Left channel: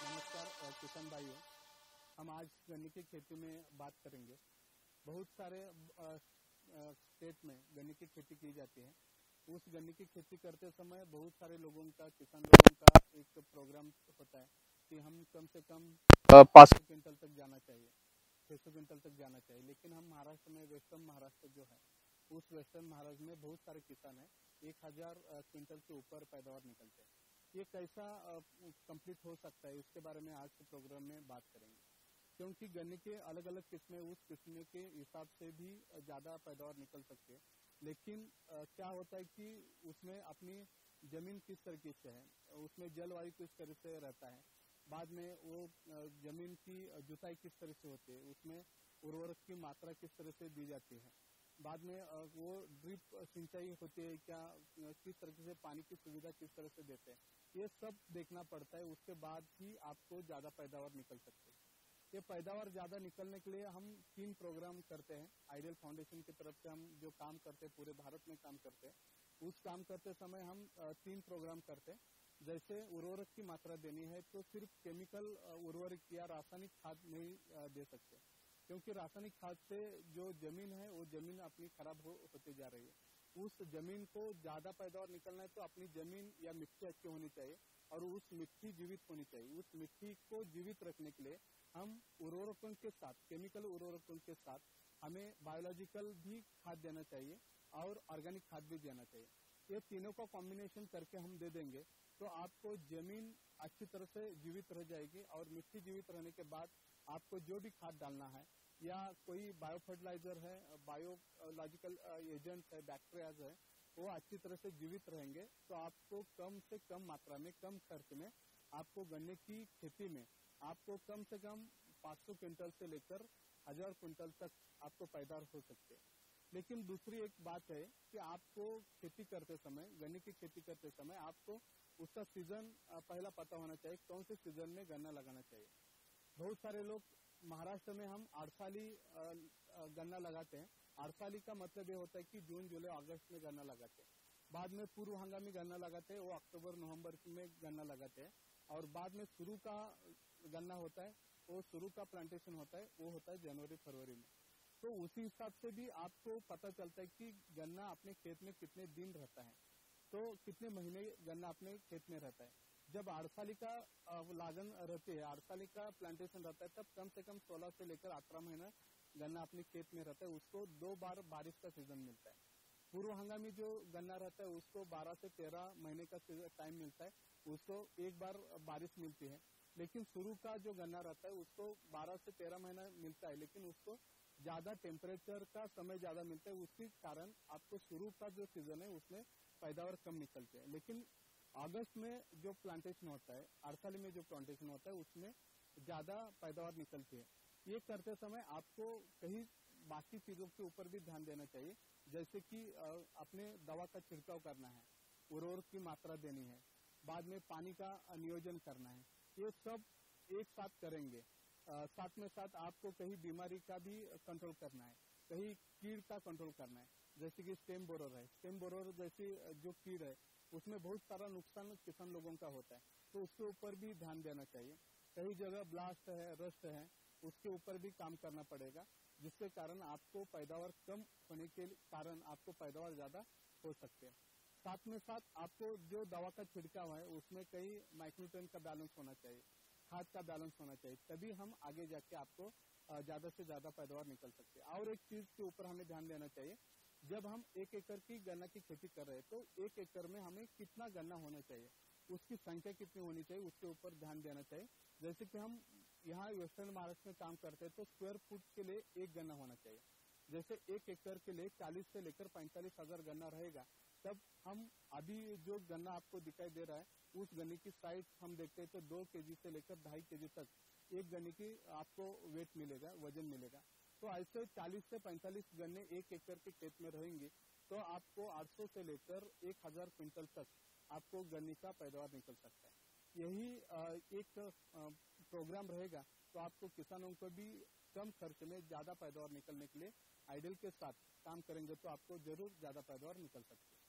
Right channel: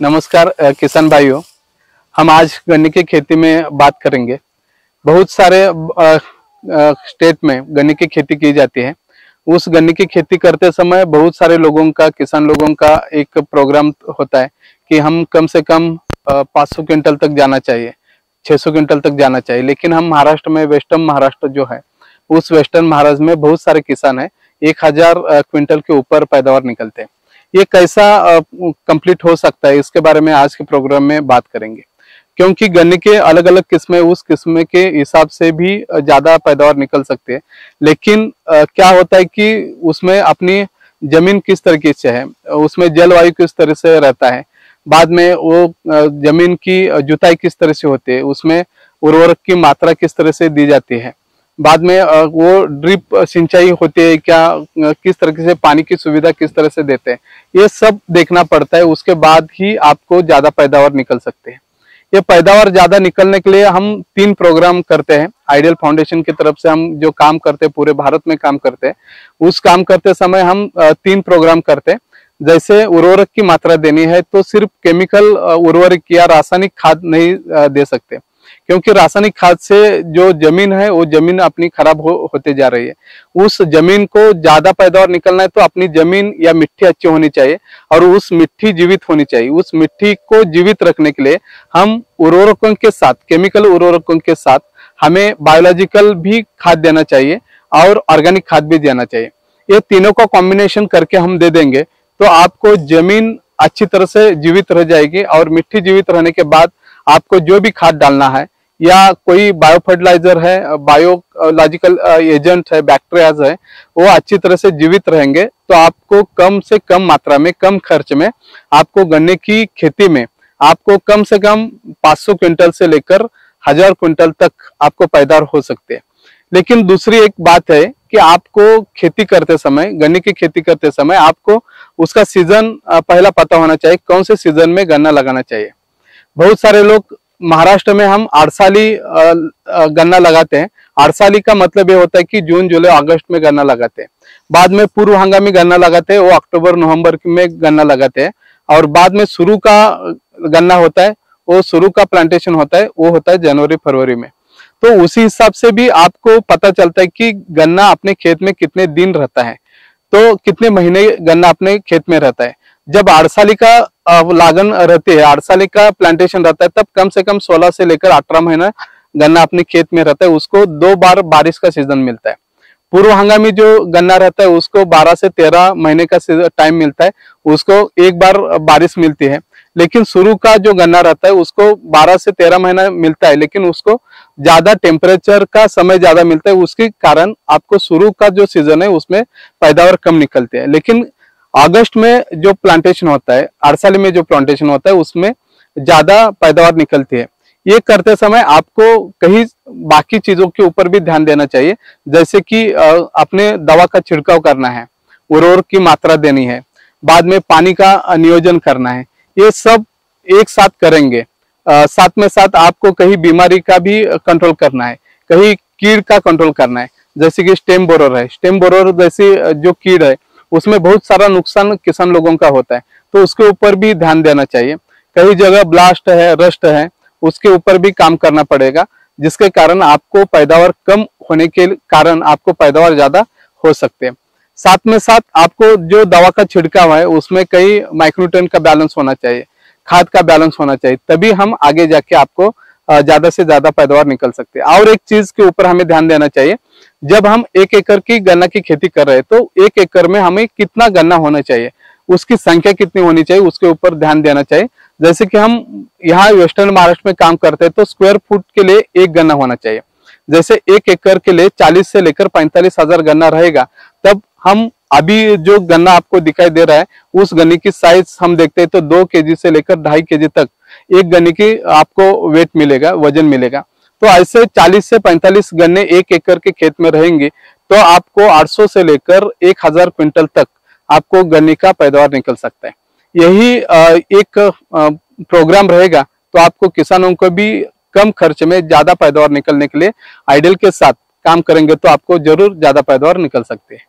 नमस्कार किसान भाइयों। हम आज गन्ने की खेती में बात करेंगे। बहुत सारे स्टेट में गन्ने की खेती की जाती है। उस गन्ने की खेती करते समय बहुत सारे लोगों का, किसान लोगों का एक प्रोग्राम होता है कि हम कम से कम 500 क्विंटल तक जाना चाहिए, 600 क्विंटल तक जाना चाहिए। लेकिन हम महाराष्ट्र में, वेस्टर्न महाराष्ट्र जो है, उस वेस्टर्न महाराष्ट्र में बहुत सारे किसान हैं, 1000 क्विंटल के ऊपर पैदावार निकलते हैं। ये कैसा कंप्लीट हो सकता है, इसके बारे में आज के प्रोग्राम में बात करेंगे। क्योंकि गन्ने के अलग अलग किस्में उस किस्म के हिसाब से भी ज्यादा पैदावार निकल सकते हैं। लेकिन क्या होता है कि उसमें अपनी जमीन किस तरीके से है, उसमें जलवायु किस तरह से रहता है, बाद में वो जमीन की जुताई किस तरह से होती है, उसमें उर्वरक की मात्रा किस तरह से दी जाती है, बाद में वो ड्रिप सिंचाई होती है क्या, किस तरह से पानी की सुविधा किस तरह से देते हैं, ये सब देखना पड़ता है। उसके बाद ही आपको ज्यादा पैदावार निकल सकते हैं। ये पैदावार ज्यादा निकलने के लिए हम 3 प्रोग्राम करते हैं। आइडियल फाउंडेशन की तरफ से हम जो काम करते हैं, पूरे भारत में काम करते हैं। उस काम करते समय हम 3 प्रोग्राम करते हैं। जैसे उर्वरक की मात्रा देनी है तो सिर्फ केमिकल उर्वरक या रासायनिक खाद नहीं दे सकते, क्योंकि रासायनिक खाद से जो जमीन है वो जमीन अपनी खराब होते जा रही है। उस जमीन को ज्यादा पैदावार निकलना है तो अपनी जमीन या मिट्टी अच्छी होनी चाहिए और उस मिट्टी जीवित होनी चाहिए। उस मिट्टी को जीवित रखने के लिए हम उर्वरकों के साथ, केमिकल उर्वरकों के साथ हमें बायोलॉजिकल भी खाद देना चाहिए और ऑर्गेनिक खाद भी देना चाहिए। ये तीनों का कॉम्बिनेशन करके हम दे देंगे तो आपको जमीन अच्छी तरह से जीवित रह जाएगी और मिट्टी जीवित रहने के बाद आपको जो भी खाद डालना है या कोई बायो फर्टिलाइजर है, बायोलॉजिकल एजेंट है, बैक्टीरियाज है, वो अच्छी तरह से जीवित रहेंगे तो आपको कम से कम मात्रा में, कम खर्च में आपको गन्ने की खेती में आपको कम से कम 500 क्विंटल से लेकर 1000 क्विंटल तक आपको पैदावार हो सकते हैं। लेकिन दूसरी एक बात है कि आपको खेती करते समय, गन्ने की खेती करते समय आपको उसका सीजन पहला पता होना चाहिए, कौन से सीजन में गन्ना लगाना चाहिए। बहुत सारे लोग महाराष्ट्र में हम आड़साली गन्ना लगाते हैं। आड़साली का मतलब ये होता है कि जून, जुलाई, अगस्त में गन्ना लगाते हैं। बाद में पूर्व हंगामी गन्ना लगाते हैं, वो अक्टूबर, नवंबर में गन्ना लगाते हैं। और बाद में शुरू का गन्ना होता है, वो शुरू का प्लांटेशन होता है, वो होता है जनवरी फरवरी में। तो उसी हिसाब से भी आपको पता चलता है कि गन्ना अपने खेत में कितने दिन रहता है, तो कितने महीने गन्ना अपने खेत में रहता है। जब आड़साली का लागन रहती है, आड़साली का प्लांटेशन रहता है, तब कम से कम 16 से लेकर 18 महीना गन्ना अपने खेत में रहता है। उसको 2 बार बारिश का सीजन मिलता है। पूर्व हंगामी जो गन्ना रहता है उसको 12 से 13 महीने का टाइम मिलता है, उसको 1 बार बारिश मिलती है। लेकिन शुरू का जो गन्ना रहता है उसको 12 से 13 महीना मिलता है, लेकिन उसको ज्यादा टेम्परेचर का समय ज्यादा मिलता है। उसके कारण आपको शुरू का जो सीजन है उसमें पैदावार कम निकलती है। लेकिन अगस्त में जो प्लांटेशन होता है, आड़साली में जो प्लांटेशन होता है, उसमें ज्यादा पैदावार निकलती है। ये करते समय आपको कई बाकी चीजों के ऊपर भी ध्यान देना चाहिए, जैसे कि अपने दवा का छिड़काव करना है, उर्वरक की मात्रा देनी है, बाद में पानी का नियोजन करना है। ये सब एक साथ करेंगे। साथ में साथ आपको कहीं बीमारी का भी कंट्रोल करना है, कहीं कीड़ का कंट्रोल करना है। जैसे कि स्टेम बोरर है, स्टेम बोरर जैसी जो कीड़ है उसमें बहुत सारा नुकसान किसान लोगों का होता है, तो उसके ऊपर भी ध्यान देना चाहिए। कई जगह ब्लास्ट है, रस्ट है, उसके ऊपर भी काम करना पड़ेगा, जिसके कारण आपको पैदावार कम होने के कारण आपको पैदावार ज्यादा हो सकते हैं। साथ में साथ आपको जो दवा का छिड़काव है उसमें कई माइक्रोन्यूट्रिएंट का बैलेंस होना चाहिए, खाद का बैलेंस होना चाहिए, तभी हम आगे जाके आपको ज्यादा से ज्यादा पैदावार निकल सकते हैं। और एक चीज के ऊपर हमें ध्यान देना चाहिए, जब हम 1 एकड़ की गन्ना की खेती कर रहे हैं तो 1 एकड़ में हमें कितना गन्ना होना चाहिए, उसकी संख्या कितनी होनी चाहिए, उसके ऊपर ध्यान देना चाहिए। जैसे कि हम यहाँ वेस्टर्न महाराष्ट्र में काम करते हैं तो स्क्वायर फुट के लिए 1 गन्ना होना चाहिए। जैसे 1 एकड़ के लिए 40 से लेकर 45 हजार गन्ना रहेगा, तब हम अभी जो गन्ना आपको दिखाई दे रहा है उस गन्ने की साइज हम देखते हैं तो 2 केजी से लेकर 2.5 केजी तक एक गन्ने की आपको वेट मिलेगा, वजन मिलेगा। तो ऐसे 40 से 45 गन्ने 1 एकड़ के खेत में रहेंगे तो आपको 800 से लेकर 1000 क्विंटल तक आपको गन्ने का पैदावार निकल सकता है। यही एक प्रोग्राम रहेगा तो आपको किसानों को भी कम खर्च में ज्यादा पैदावार निकलने के लिए आइडियल के साथ काम करेंगे तो आपको जरूर ज्यादा पैदावार निकल सकती है।